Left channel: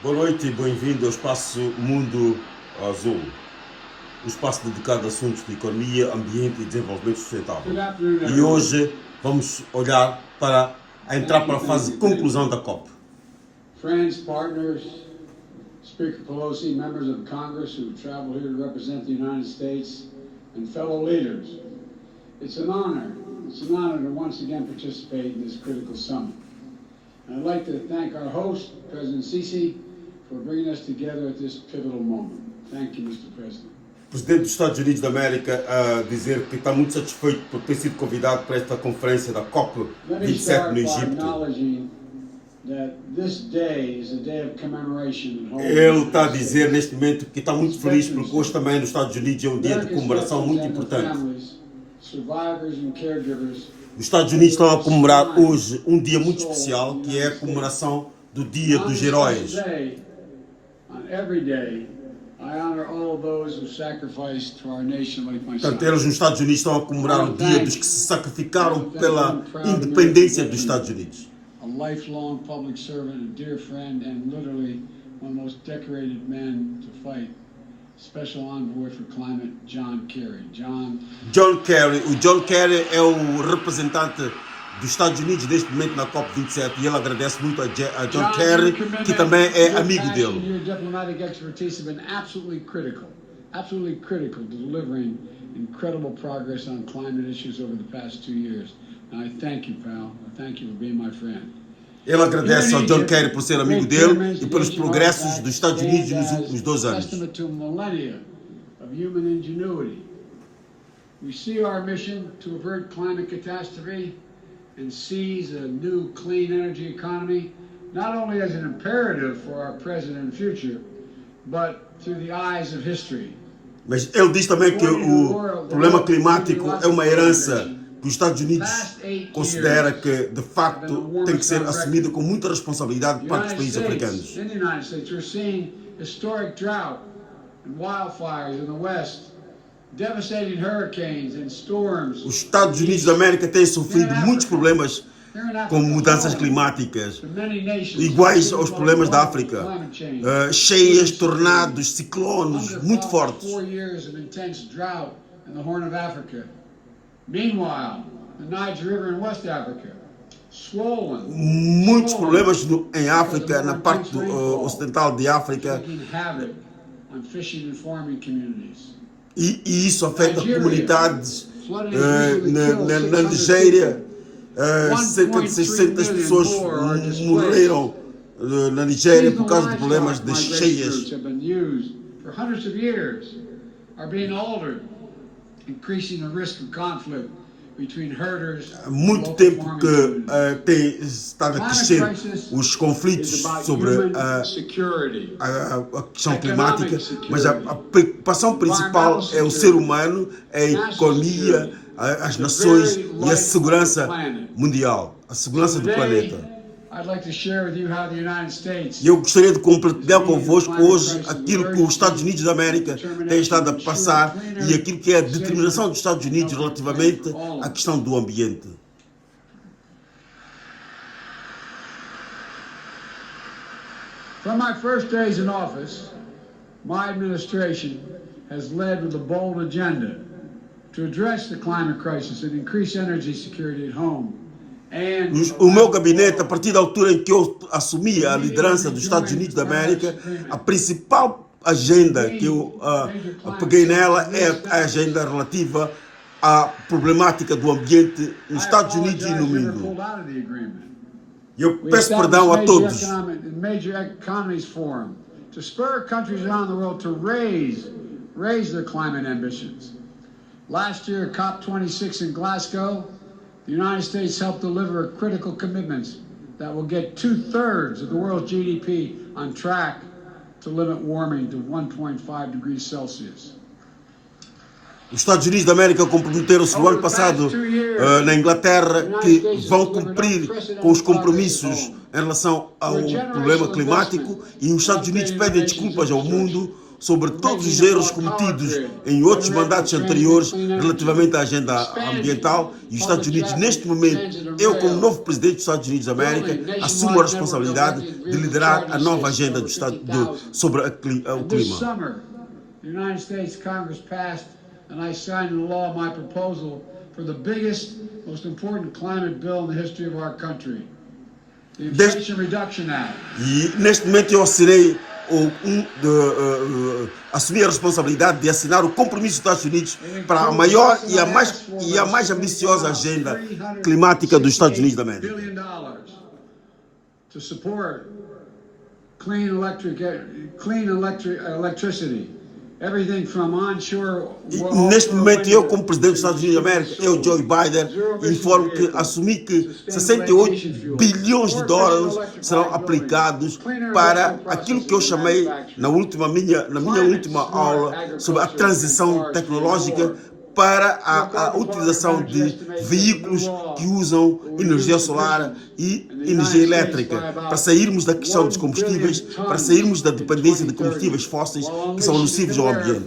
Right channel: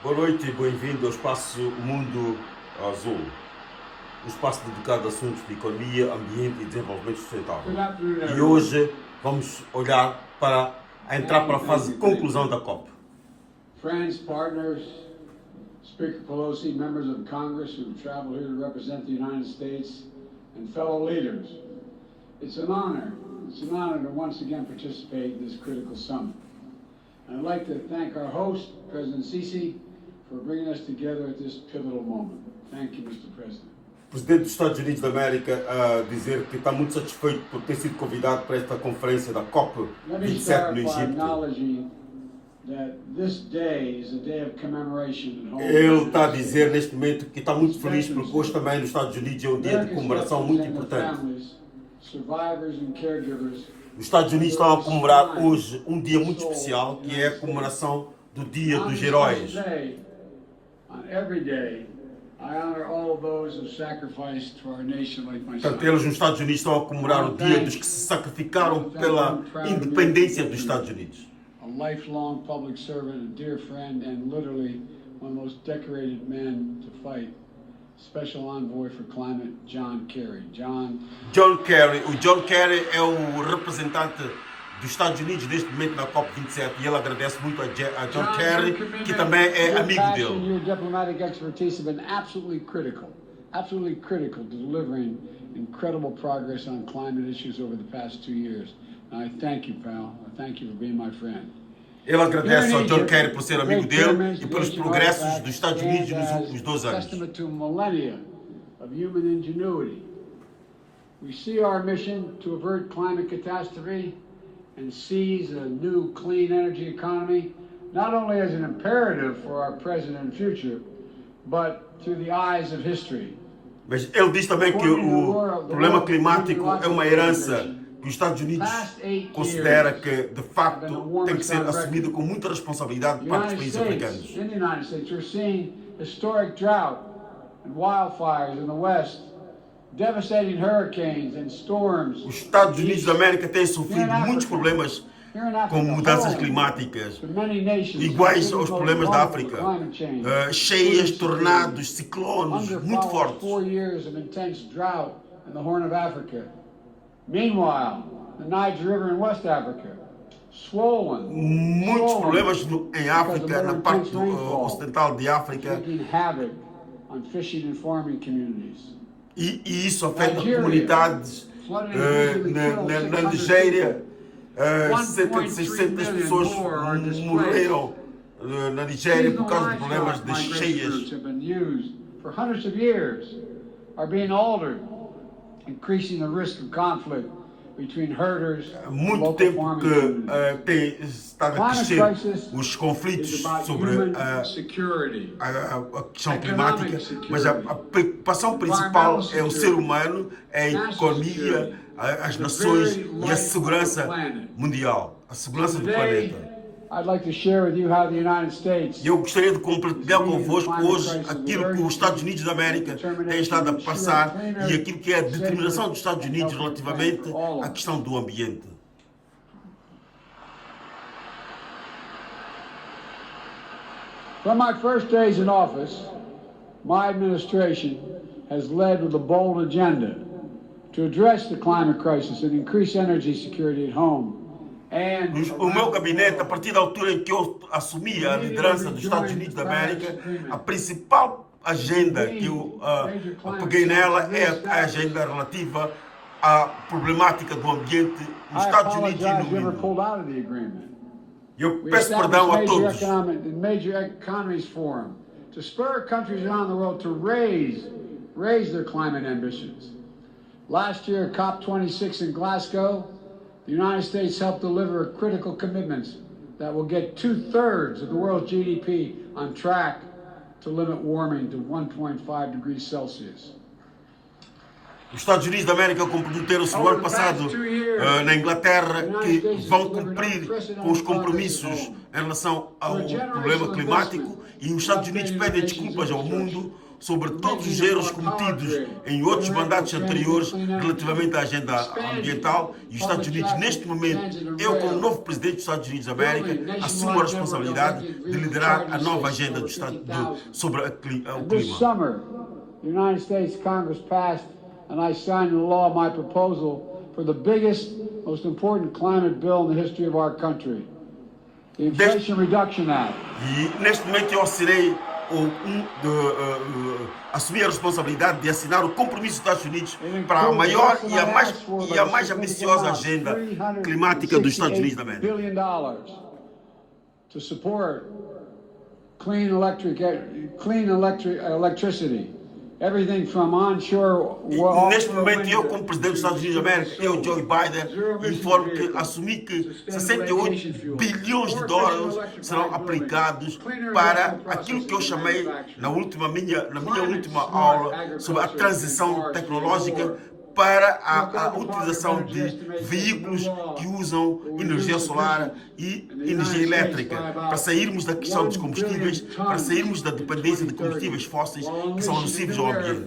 Boa noite e bem-vindo ao espaço Mundo Azul, um espaço dedicado a assuntos de economia, ambiente e desenvolvimento sustentável. E hoje vamos olhar para entrar para a fase de conclusão da COP. Friends, partners, Speaker Pelosi, members of Congress who travel here to represent the United States, and fellow leaders. It's an honor to once again participate in this critical summit. And I'd like to thank our host, President Sisi, for bringing us together at this pivotal moment. Thank you, Mr. President. O presidente dos Estados Unidos da América a dizer que está muito satisfeito por ter sido convidado para esta conferência da COP 27 no Egito. Ele está a dizer neste momento que está muito feliz porque hoje também nos Estados Unidos é um dia de comemoração muito importante. Os Estados Unidos estão a comemorar hoje um dia muito especial, que é a comemoração do Dia dos Heróis. Portanto, eles nos Estados Unidos estão a comemorar o dia dos que se sacrificaram pela independência dos Estados Unidos. A lifelong public servant, a dear friend, and literally one of the most decorated men to fight. Special Envoy for Climate, John Kerry. O John Kerry é o representante dos Estados Unidos neste momento na COP27 e ele agradece muito a John Kerry, que também é amigo dele. Your diplomatic expertise have been absolutely critical to delivering incredible progress on climate issues over the past 2 years. And I thank you, pal. I thank you for being my friend. Ele agradece ao John Kerry por ser amigo dele e pelos progressos dos Estados Unidos nos últimos 2 anos. We see our mission to avert climate catastrophe and seize a new clean energy economy, not only as an imperative for our present and future, but through the eyes of history. Mas ele diz também que o problema climático é uma herança que os Estados Unidos considera que, de facto, tem que ser assumido com muita responsabilidade por parte dos países africanos. In the United States, we're seeing historic drought and wildfires in the West, devastating hurricanes and storms. Os Estados Unidos da América têm sofrido muitos problemas com mudanças climáticas, iguais aos problemas da África. Cheias, tornados, ciclones, muito fortes. Meanwhile, the Niger River in West Africa, swollen. Muitos problemas em África, na parte ocidental de África. E isso afeta comunidades na Nigéria. Cerca de 600 pessoas morreram na Nigéria por causa de problemas de cheias. Increasing the risk of conflict between herders. Há muito tempo que tem estado a crescer os conflitos sobre a questão climática, mas a preocupação principal é o ser humano, é a economia, as nações e a segurança mundial, a segurança do planeta. E eu gostaria de compartilhar convosco hoje aquilo que os Estados Unidos da América têm estado a passar e aquilo que é a determinação dos Estados Unidos relativamente à questão do ambiente. From my first days in office, my administration has led with a bold agenda to address the climate crisis and increase energy security at home. O meu gabinete, a partir da altura em que eu assumi a liderança dos Estados Unidos da América, a principal agenda que eu peguei nela é a agenda relativa à problemática do ambiente nos Estados Unidos e no mundo. Eu peço perdão a todos. To spur countries around the world to raise their climate ambitions. Last year, COP26 in Glasgow, the United States helped deliver critical commitments that will get 2/3 of the world's GDP on track to limit warming to 1.5 degrees Celsius. Os Estados Unidos da América comprometeram-se no ano passado na Inglaterra que vão cumprir com os compromissos em relação ao problema climático e os Estados Unidos pedem desculpas ao mundo sobre todos os erros cometidos em outros mandatos anteriores relativamente à agenda ambiental. E os Estados Unidos, neste momento, eu como novo presidente dos Estados Unidos da América, assumo a responsabilidade de liderar a nova agenda sobre o clima. The United States Congress passed and I signed into law my proposal for the biggest, most important climate bill in the history of our country, the Inflation Reduction Act. E neste momento eu assinei assumir a responsabilidade de assinar o compromisso dos Estados Unidos para a maior e a mais ambiciosa agenda climática dos Estados Unidos da América. To support clean electricity. Everything from onshore. Neste momento, eu, como presidente dos Estados Unidos da América, eu, Joe Biden, informo que assumi que 68 bilhões de dólares serão aplicados para aquilo que eu chamei na minha última aula sobre a transição tecnológica para a utilização de veículos que usam energia solar e energia elétrica, para sairmos da questão dos combustíveis, para sairmos da dependência de combustíveis fósseis que são nocivos ao ambiente.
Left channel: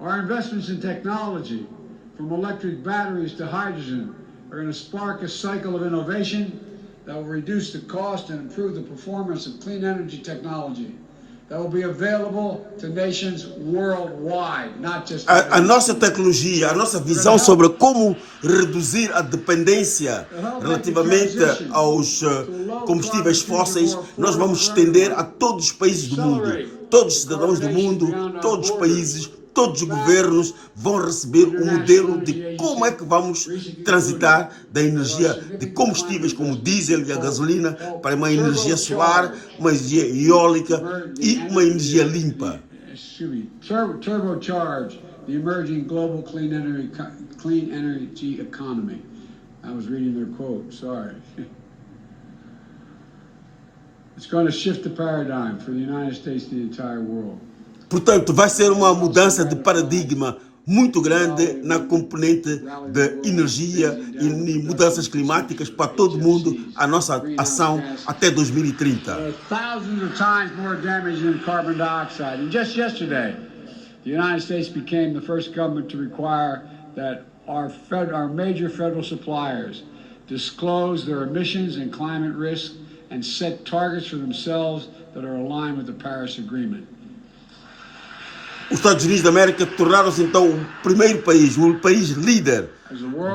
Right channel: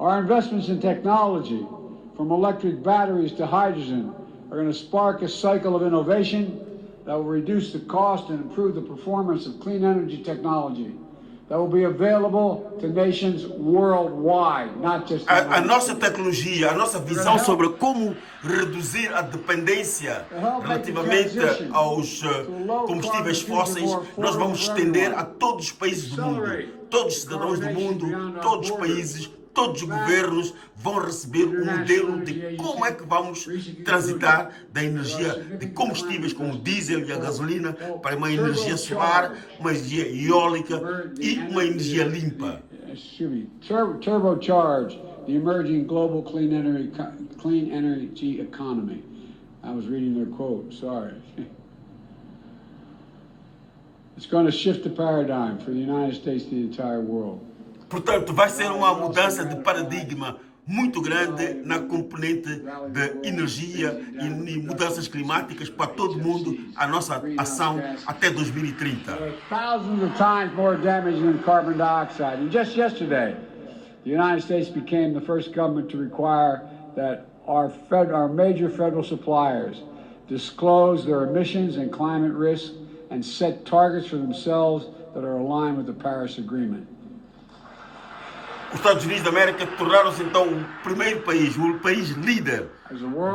Our investments in technology, from electric batteries to hydrogen, are going to spark a cycle of innovation that will reduce the cost and improve the performance of clean energy technology. That will be available to nations worldwide, not just a nossa tecnologia, a nossa visão sobre como reduzir a dependência relativamente aos combustíveis fósseis, nós vamos estender a todos os países do mundo. Todos os cidadãos do mundo, todos os países, todos os governos vão receber um modelo de como é que vamos transitar da energia de combustíveis como o diesel e a gasolina para uma energia solar, uma energia eólica e uma energia limpa. Turbocharge the emerging global clean energy economy. I was reading their quote, sorry. It's going to shift the paradigm for the United States and the entire world. Portanto, vai ser uma mudança de paradigma muito grande na componente de energia e mudanças climáticas para todo mundo, a nossa ação até 2030. Thousands of times more damage than carbon dioxide. And just yesterday, the United States became the first government to require that our major federal suppliers disclose their emissions and climate risk and set targets for themselves that are aligned with the Paris Agreement. Os Estados Unidos da América tornaram-se então o primeiro país, o país líder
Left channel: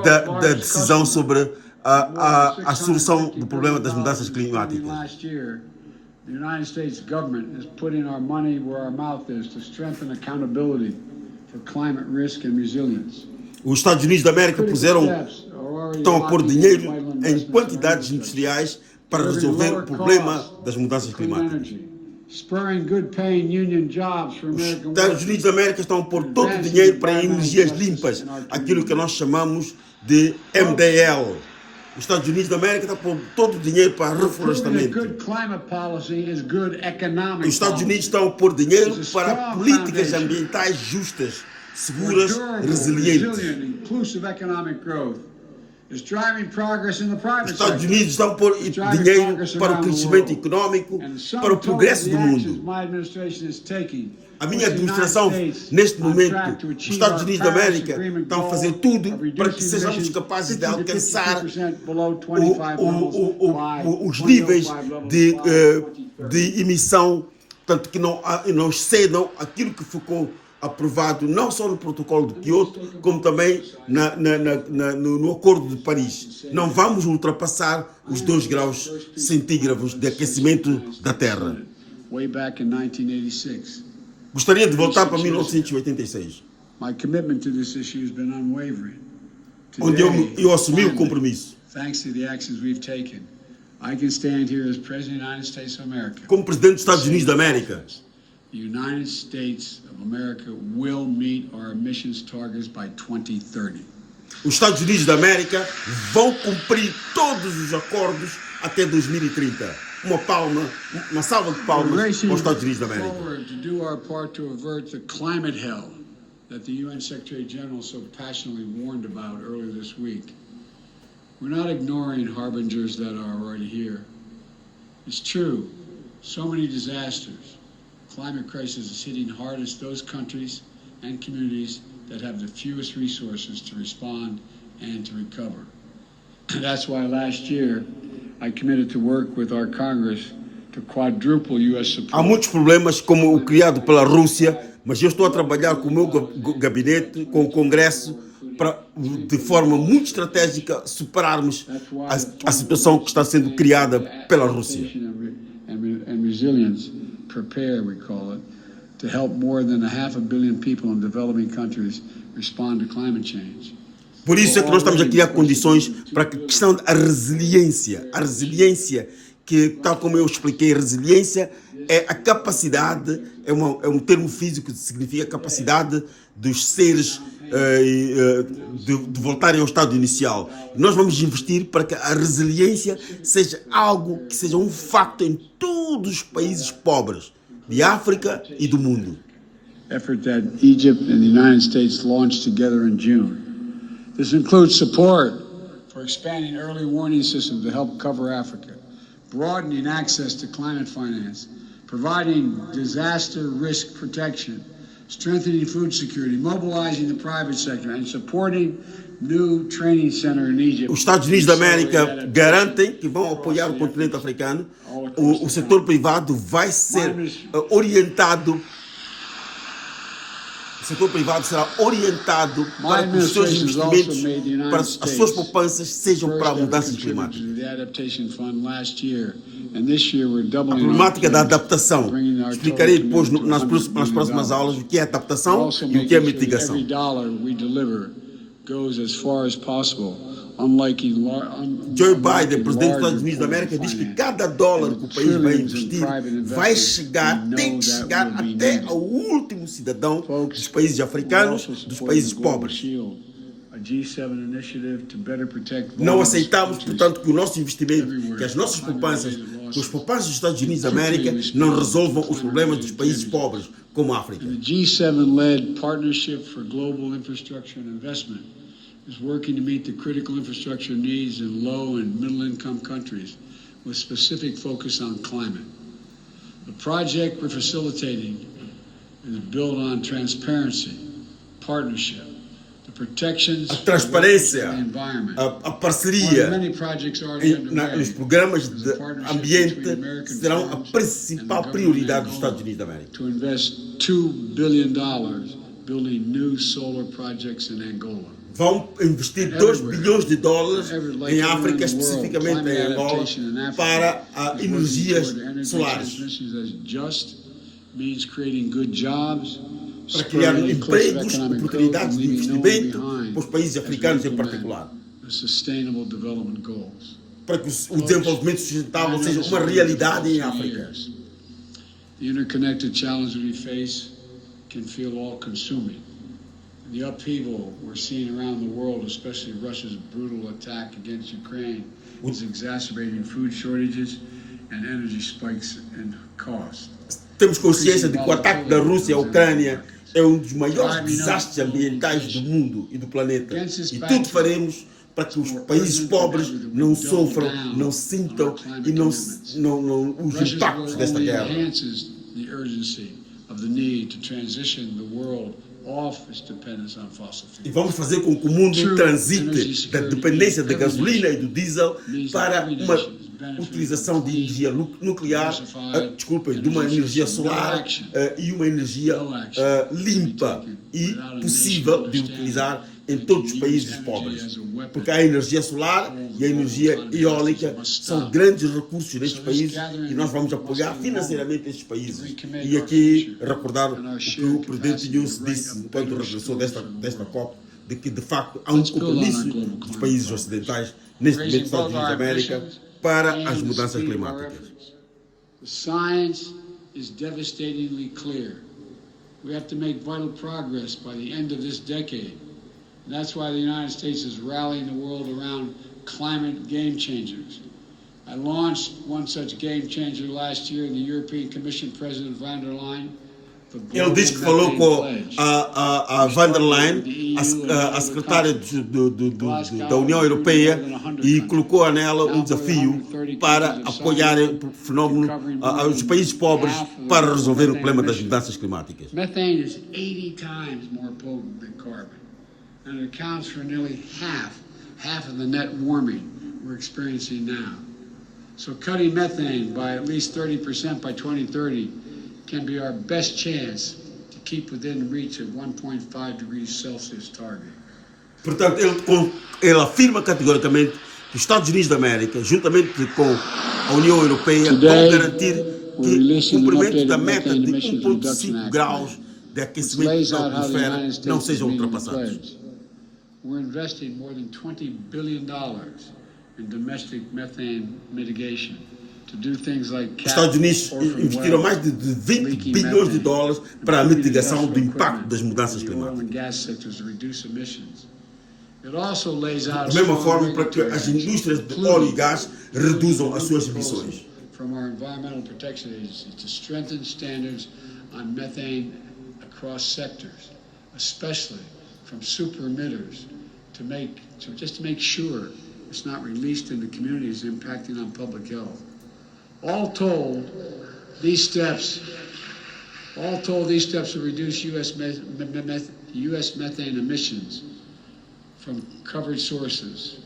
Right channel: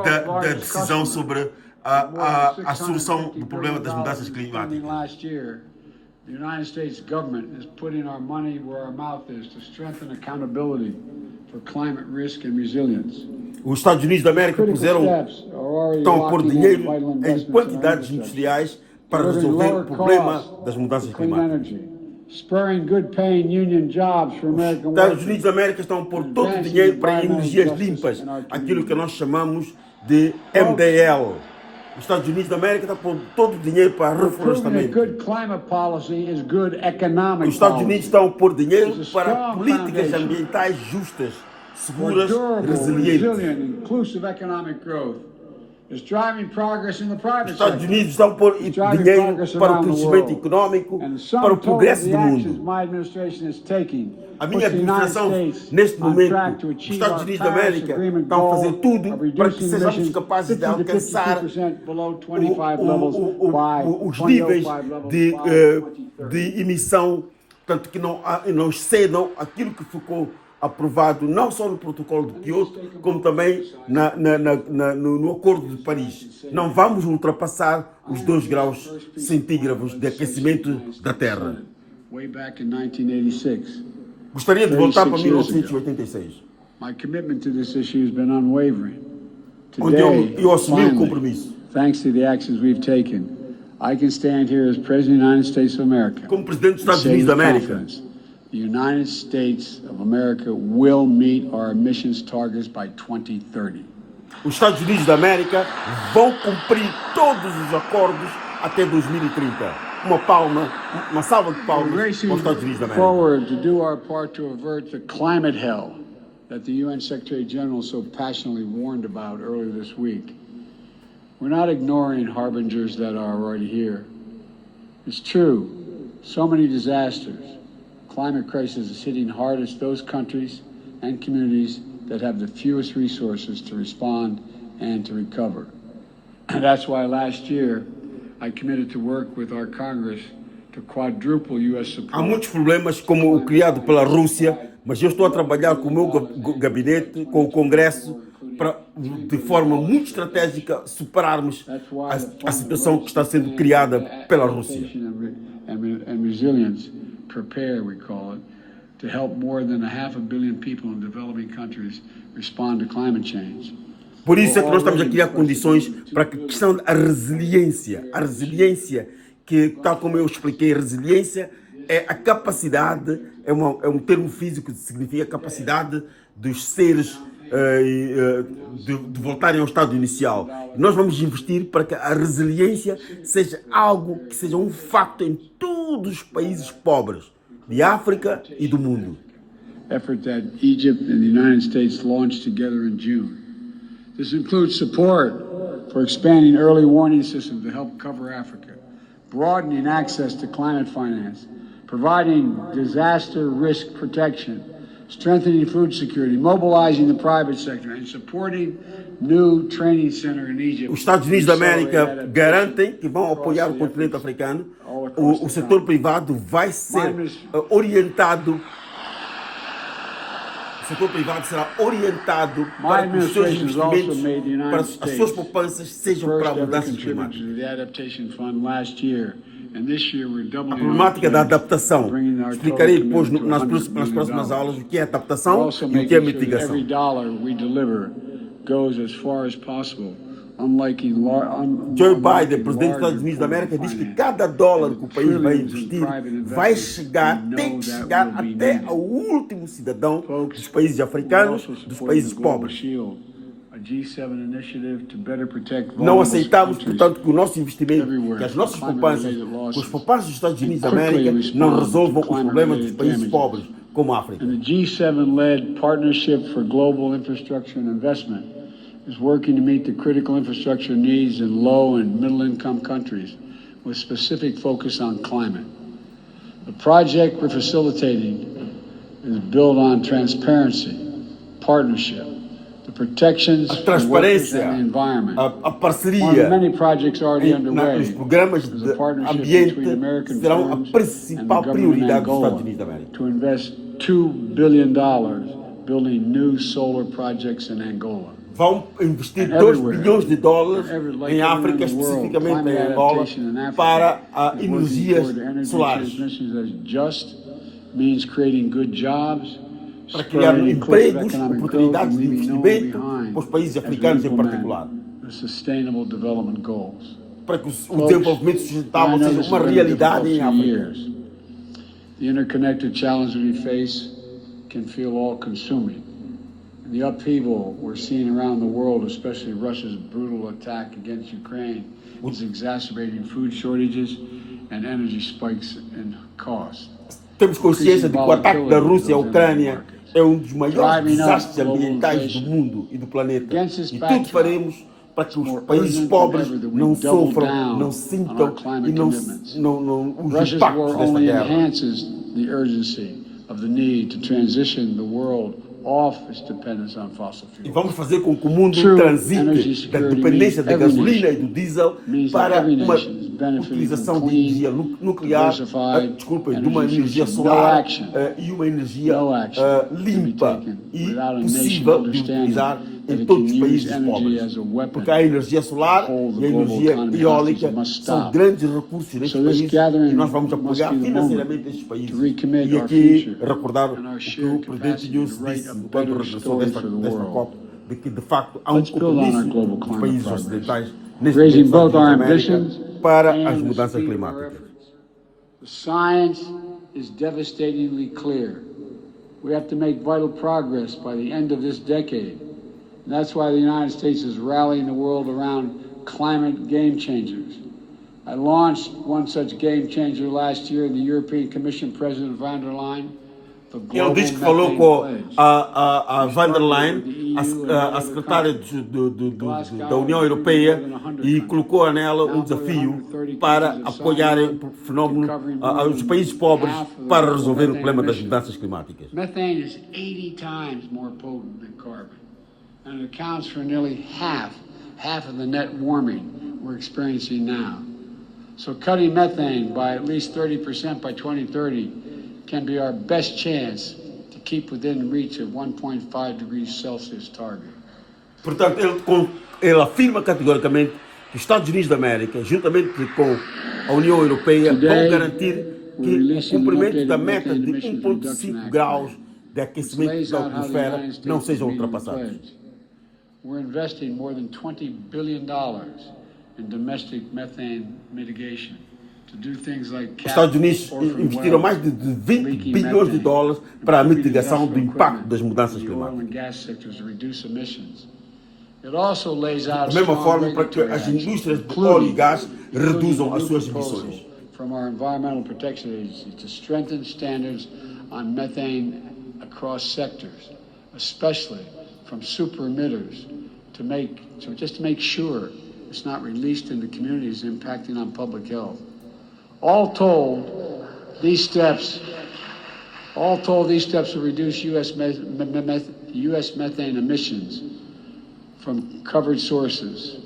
da decisão sobre a solução do problema das mudanças climáticas. The United States government is putting our money where our mouth is to strengthen accountability for climate risk and resilience. Os Estados Unidos da América estão a pôr dinheiro em quantidades industriais para resolver o problema das mudanças climáticas. Os Estados Unidos da América estão a pôr todo o dinheiro para energias limpas, aquilo que nós chamamos de MDL. Os Estados Unidos da América estão a pôr todo o dinheiro para reflorestamento. Os Estados Unidos estão a pôr dinheiro para políticas ambientais justas, seguras, resilientes. Os Estados Unidos estão a pôr dinheiro para o crescimento econômico, para o progresso do mundo. A minha administração, neste momento, os Estados Unidos da América estão a fazer tudo para que sejamos capazes de alcançar os níveis de emissão, portanto, que não excedam aquilo que ficou aprovado não só no protocolo de Kyoto, como também no acordo de Paris. Não vamos ultrapassar os 2 graus centígrados de aquecimento da Terra. Gostaria de voltar para 1986, onde eu assumi o compromisso. Como presidente dos Estados Unidos da América, The United States of America will meet our emissions targets by 2030. Os Estados Unidos da América vão cumprir todos os acordos até 2030. Uma salva de palmas para os Estados Unidos da América. Forward to do our part to avert the climate hell that the UN Secretary General so passionately warned about earlier this week. We're not ignoring harbingers that are already here. It's true. So many disasters. Climate crisis is hitting hardest those countries and communities that have the fewest resources to respond and to recover. And that's why last year I committed to work with our Congress to quadruple U.S. support. Há muitos problemas como o criado pela Rússia, mas eu estou a trabalhar com o meu gabinete, com o Congresso, para, de forma muito estratégica, superarmos a situação que está sendo criada pela Rússia. And resilience, prepare, we call it, to help more than 500 million people in developing countries respond to climate change. Por isso é que nós estamos a criar condições para que a questão da resiliência, que, tal como eu expliquei, resiliência é a capacidade, é um termo físico que significa a capacidade dos seres de voltarem ao estado inicial. Nós vamos investir para que a resiliência seja algo que seja um facto em todos os países pobres de África e do mundo. Effort that Egypt and the United States launched together in June. This includes support for expanding early warning systems to help cover Africa, broadening access to climate finance, providing disaster risk protection, strengthening food security, mobilizing the private sector, and supporting new training center in Egypt. Os Estados Unidos da América garantem que vão apoiar o continente africano. O setor privado vai ser orientado. O setor privado será orientado para que os seus investimentos, para as suas poupanças sejam para mudanças climáticas. A problemática da adaptação. Explicarei depois nas próximas aulas o que é adaptação e o que é mitigação. Joe Biden, presidente dos Estados Unidos da América, diz que cada dólar que o país vai investir vai chegar, tem que chegar até ao último cidadão dos países africanos, dos países pobres. Não aceitamos, portanto, que o nosso investimento, que as nossas poupanças, que os poupanças dos Estados Unidos da América não resolvam os problemas dos países pobres, como a África. The G7-led Partnership for Global Infrastructure and Investment is working to meet the critical infrastructure needs in low and middle-income countries with specific focus on climate. The project we're facilitating is built on transparency, partnership, the protections a transparência, and the environment. A parceria many projects already underway. Os programas de ambiente serão a principal prioridade dos Estados Unidos da América. To invest $2 billion building new solar projects in Angola. Vão investir 2 bilhões de dólares em África, especificamente em Angola, para energias solares. Para criar empregos, oportunidades de investimento para os países africanos em particular. Para que o desenvolvimento sustentável seja uma realidade em África. The interconnected challenges we face can feel all-consuming. The upheaval we're seeing around the world, especially Russia's brutal attack against Ukraine, is exacerbating food shortages and energy spikes in cost. Temos consciência de que o ataque da Rússia à Ucrânia é um dos maiores desastres ambientais do mundo e do planeta. E tudo faremos para que os países pobres não sofram, não sintam e não os impactos desta guerra. E vamos fazer com que o mundo transite da dependência da gasolina e do diesel para uma utilização de energia nuclear, de uma energia solar e uma energia limpa e possível de utilizar em todos os países pobres. Porque a energia solar e a energia eólica são grandes recursos nestes países e nós vamos apoiar financeiramente estes países. E aqui recordar o que o presidente News disse quando regressou desta COP, de que de facto há um compromisso dos países ocidentais neste momento dos Estados Unidos da América para as mudanças climáticas. The science is devastatingly clear. We have to make vital progress by the end of this decade. And that's why the United States is rallying the world around climate game changers. I launched one such game changer last year in the European Commission President von der Leyen Ele disse que falou com a van der Leyen, a secretária da União Europeia, e colocou nela um desafio para apoiarem o fenómeno, os países pobres para resolver o problema das mudanças climáticas. Methane is 80 times more potent than carbon, and it accounts for nearly half of the net warming we're experiencing now. So cutting methane by at least 30% by 2030 can be our best chance to keep within reach of 1.5 degrees Celsius target. Portanto, ele afirma categoricamente que os Estados Unidos da América, juntamente com a União Europeia, vão garantir que o cumprimento da meta de 1,5 graus de aquecimento da atmosfera não sejam ultrapassados. We're investing more than $20 billion in domestic methane mitigation. Os Estados Unidos investiram mais de 20 bilhões de dólares para a mitigação do impacto das mudanças climáticas. Da mesma forma, para que as indústrias de óleo e gás reduzam as suas emissões. From our Environmental Protection Agency to strengthen standards on methane across sectors, especially from super emitters, just to make sure it's not released into communities impacting on public health. All told, these steps will reduce U.S. methane emissions from covered sources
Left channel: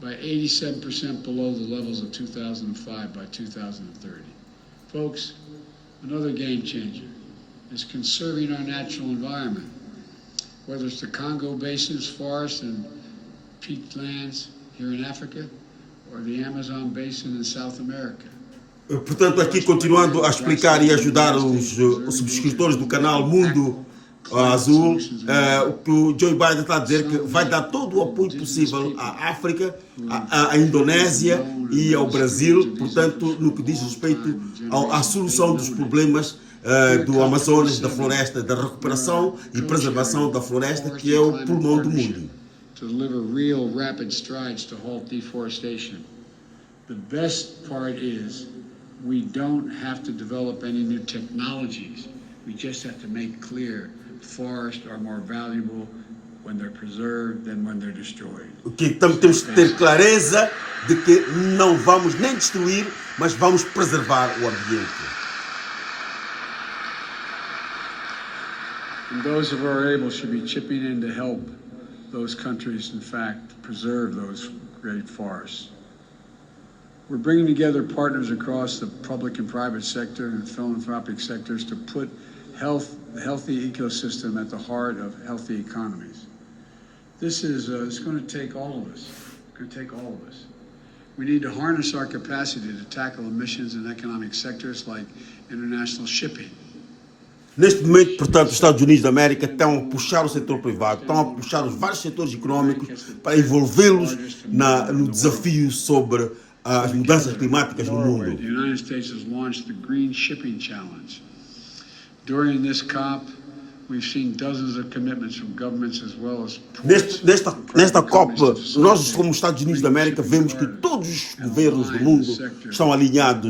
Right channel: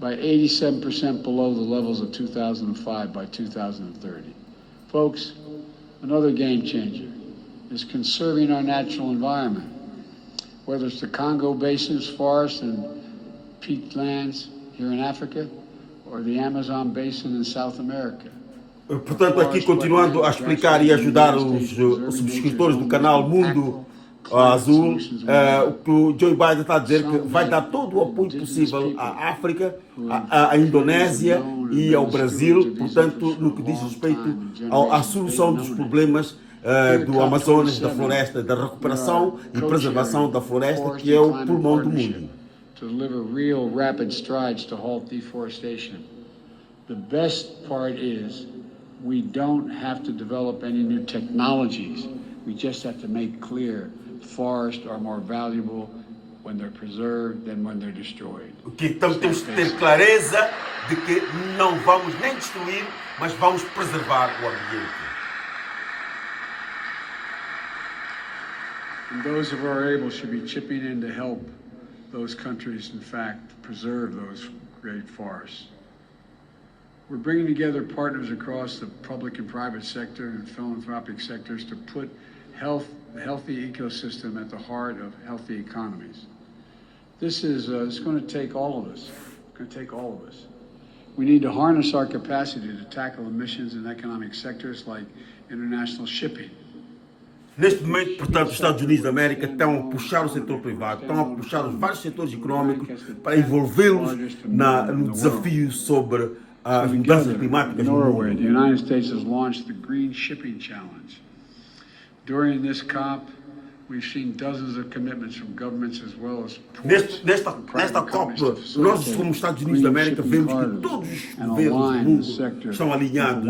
by 87% below the levels of 2005 by 2030. Folks, another game changer is conserving our natural environment, whether it's the Congo Basin's forests and peat lands here in Africa or the Amazon Basin in South America. Portanto, aqui continuando a explicar e ajudar os subscritores do canal Mundo Azul, o que o Joe Biden está a dizer que vai dar todo o apoio possível à África, à Indonésia e ao Brasil, portanto, no que diz respeito à solução dos problemas do Amazonas, da floresta, da recuperação e preservação da floresta, que é o pulmão do mundo. To deliver real rapid strides to halt deforestation. The best part is we don't have to develop any new technologies. We just have to make clear forests are more valuable when they're preserved than when they're destroyed. O que então temos que ter clareza de que não vamos nem destruir, mas vamos preservar o ambiente. And those who are able should be chipping in to help those countries, in fact, preserve those great forests. We're bringing together partners across the public and private sector and philanthropic sectors to put the healthy ecosystem at the heart of healthy economies. This is it's going to take all of us. It's going to take all of us. We need to harness our capacity to tackle emissions in economic sectors like international shipping. Neste momento, portanto, os Estados Unidos da América estão a puxar o setor privado, estão a puxar os vários setores econômicos para envolvê-los no desafio sobre as mudanças climáticas no mundo. The United States has launched the Green Shipping Challenge. During this COP, we've seen dozens of commitments from governments as well as ports. Nesta COP, nós como Estados Unidos da América vemos que todos os governos do mundo estão alinhados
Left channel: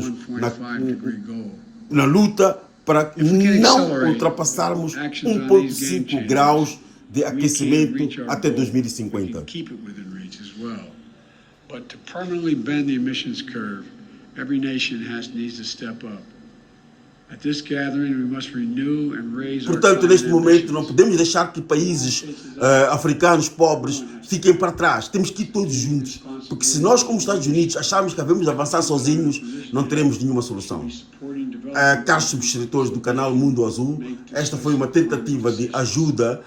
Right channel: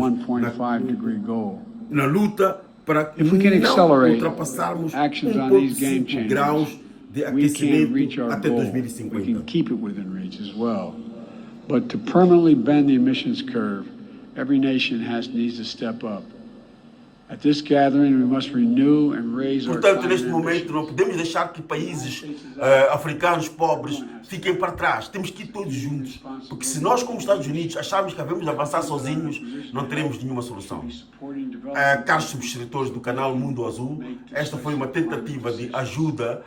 na luta para não ultrapassarmos 1,5 graus de aquecimento até 2050. But to permanently bend the emissions curve, every nation needs to step up. At this gathering, we must renew and raise our Portanto, neste momento, não podemos deixar que países africanos pobres fiquem para trás. Temos que ir todos juntos, porque se nós, como Estados Unidos, acharmos que devemos avançar sozinhos, não teremos nenhuma solução. Caros subscritores do canal Mundo Azul, esta foi uma tentativa de ajuda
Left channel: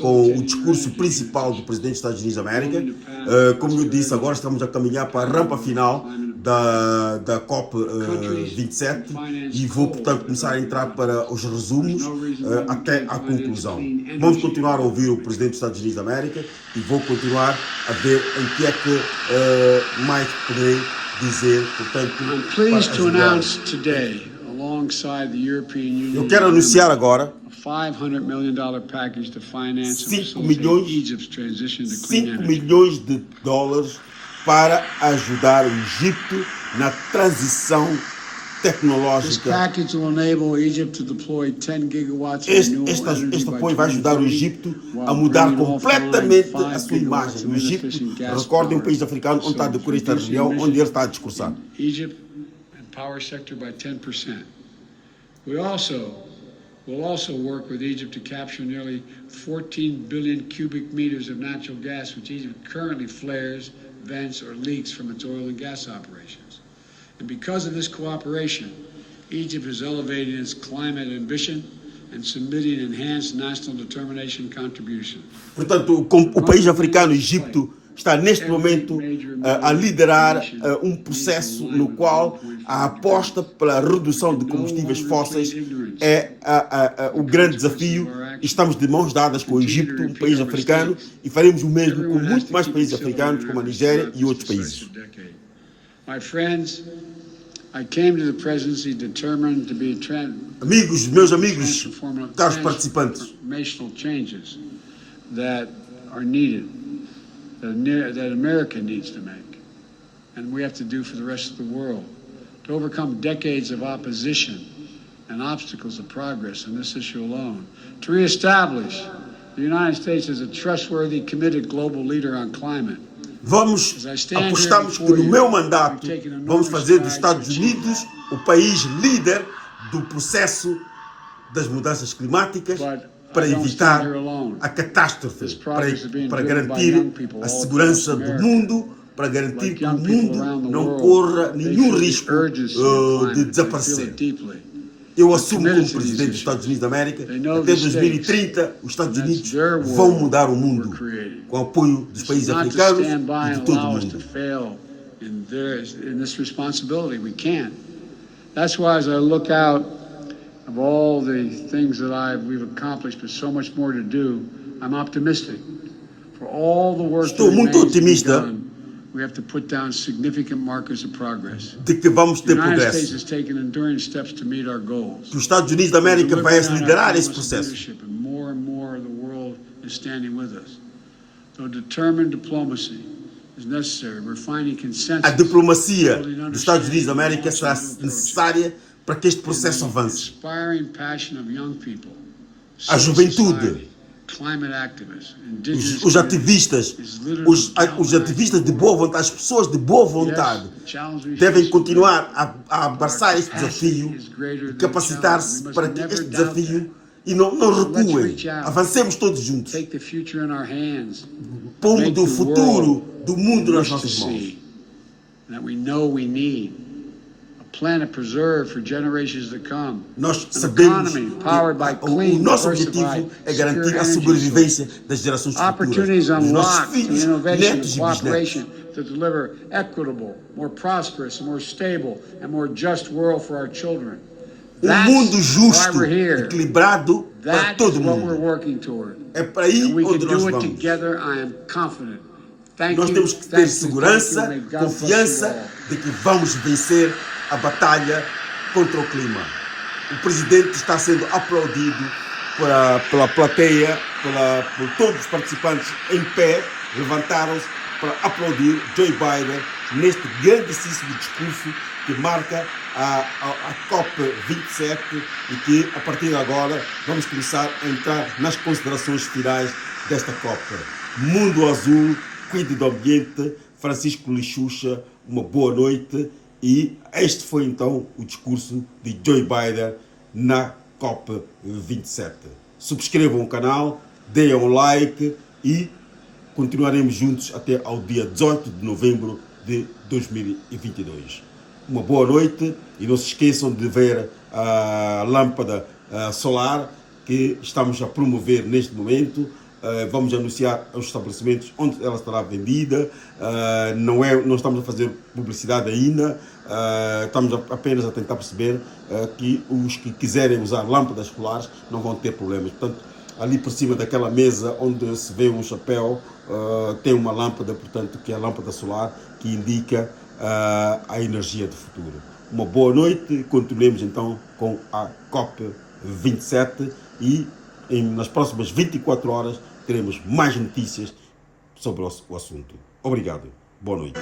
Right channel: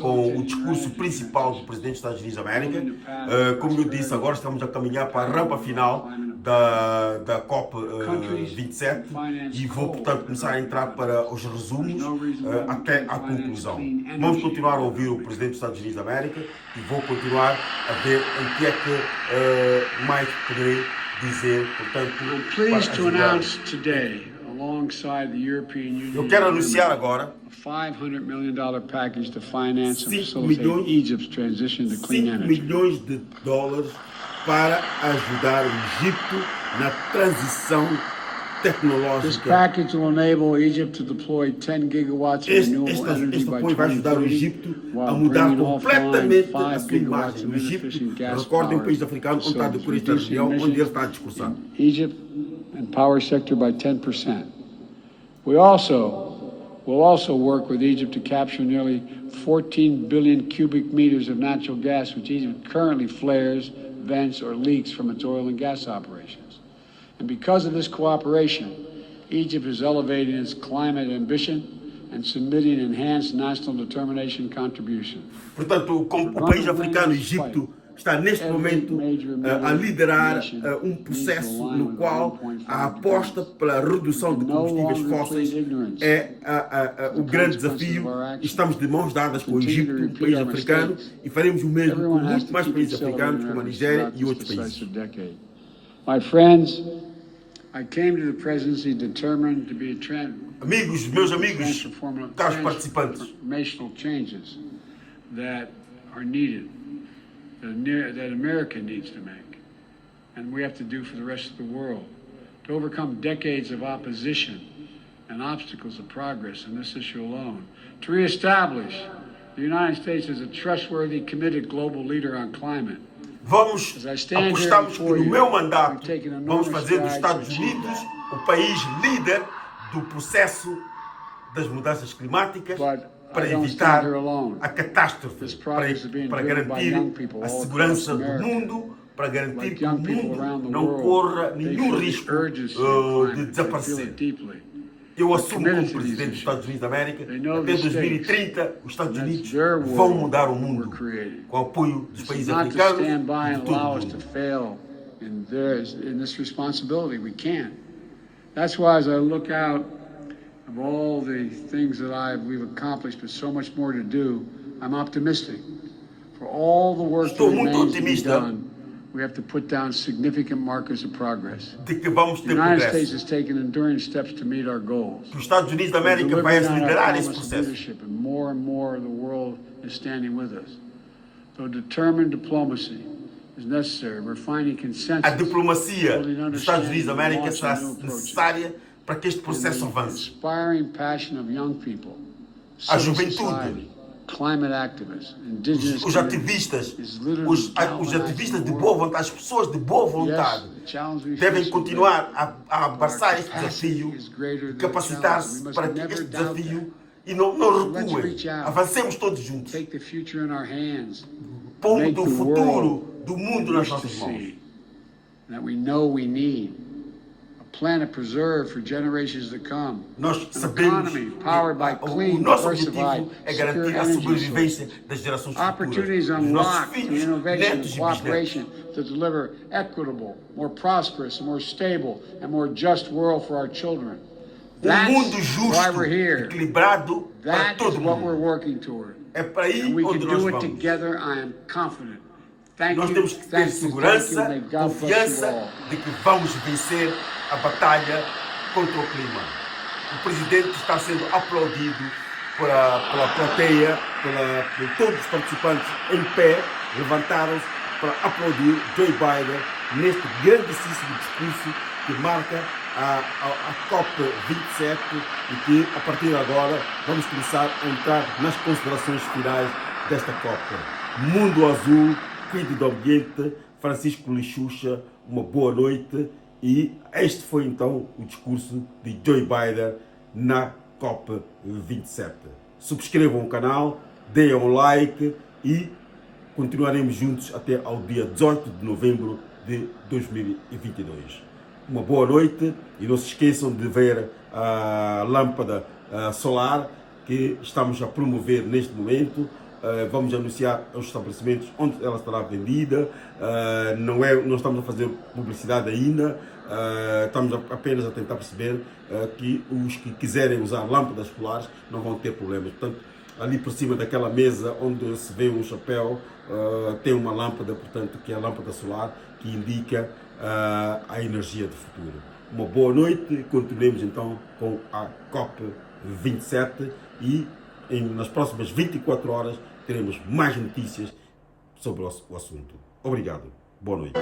com o discurso principal do presidente dos Estados Unidos da América. Como eu disse, agora estamos a caminhar para a rampa final da COP27 e vou, portanto, começar a entrar para os resumos até à conclusão. Vamos continuar a ouvir o presidente dos Estados Unidos da América e vou continuar a ver em que é que mais poderei dizer, portanto, eu quero anunciar agora $500 million package to finance and 5 facilitate Egypt's transition to clean energy. milhões de dólares para ajudar o Egito na transição tecnológica. Este apoio vai ajudar o Egito a mudar completamente a sua imagem. O Egito, recordem, um país africano onde está a decorrer esta reunião, onde ele está a discursar. Power sector by 10%. Will also work with Egypt to capture nearly 14 billion cubic meters of natural gas, which Egypt currently flares, vents, or leaks from its oil and gas operations. And because of this cooperation, Egypt is elevating its climate ambition and submitting enhanced national determination contribution. Portanto, o país africano, Egito, está neste momento a liderar um processo no qual a aposta pela redução de combustíveis fósseis é o grande desafio. Estamos de mãos dadas com o Egito, um país africano, e faremos o mesmo com muitos mais países africanos, como a Nigéria e outros países. My friends, I came to the presidency determined to be meus amigos, caros participantes, transformational changes that are needed. That America needs to make, and we have to do for the rest of the world, to overcome decades of opposition and obstacles of progress in this issue alone, to reestablish the United States as a trustworthy, committed global leader on climate. Apostamos que no meu mandato vamos fazer dos Estados Unidos o país líder do processo das mudanças climáticas, para evitar a catástrofe, para garantir a segurança do mundo, para garantir que o mundo não corra nenhum risco de desaparecer. Eu assumo como presidente dos Estados Unidos da América, até 2030 os Estados Unidos vão mudar o mundo, com o apoio dos países africanos e de todo o mundo. Of all the things that we've accomplished, but so much more to do, I'm optimistic. For all the work that remains to be done, we have to put down significant markers of progress. De que vamos ter progresso. The United States has taken enduring steps to meet our goals. Os Estados Unidos da América vai liderar esse processo. And more the world is standing with us. Though determined diplomacy is necessary, we're finding consensus. A diplomacia dos Estados Unidos da América será necessária para que este processo avance. A juventude, os ativistas de boa vontade, as pessoas de boa vontade, devem continuar a abraçar este desafio, capacitar-se para que este desafio e não recuem. Avancemos todos juntos, pondo o futuro do mundo nas nossas mãos. Planet preserved for generations to come. Nós sabemos que o nosso objetivo é garantir a sobrevivência das gerações futuras. Opportunities unlocked in innovation and cooperation to deliver equitable, more prosperous, more stable, and more just world for our children. Mundo justo, equilibrado para todo mundo. That's what we're working toward. É para aí onde nós vamos. We can do it together. I am confident. Nós temos que ter segurança, confiança de que vamos vencer a batalha contra o clima. O presidente está sendo aplaudido pela plateia, por todos os participantes em pé, levantaram-se para aplaudir Joe Biden neste grandíssimo discurso que marca a COP27 e que, a partir de agora, vamos começar a entrar nas considerações finais desta COP. Mundo azul, cuide do ambiente, Francisco Lixuxa, uma boa noite. E este foi então o discurso de Joe Biden na COP27. Subscrevam o canal, deem um like e continuaremos juntos até ao dia 18 de novembro de 2022. Uma boa noite e não se esqueçam de ver a lâmpada solar que estamos a promover neste momento. Vamos anunciar os estabelecimentos onde ela estará vendida. Não estamos a fazer publicidade ainda, estamos apenas a tentar perceber que os que quiserem usar lâmpadas solares não vão ter problemas. Portanto, ali por cima daquela mesa onde se vê um chapéu, tem uma lâmpada, portanto, que é a lâmpada solar, que indica a energia do futuro. Uma boa noite e continuemos então com a COP27 e nas próximas 24 horas teremos mais notícias sobre o assunto. Obrigado. Boa noite.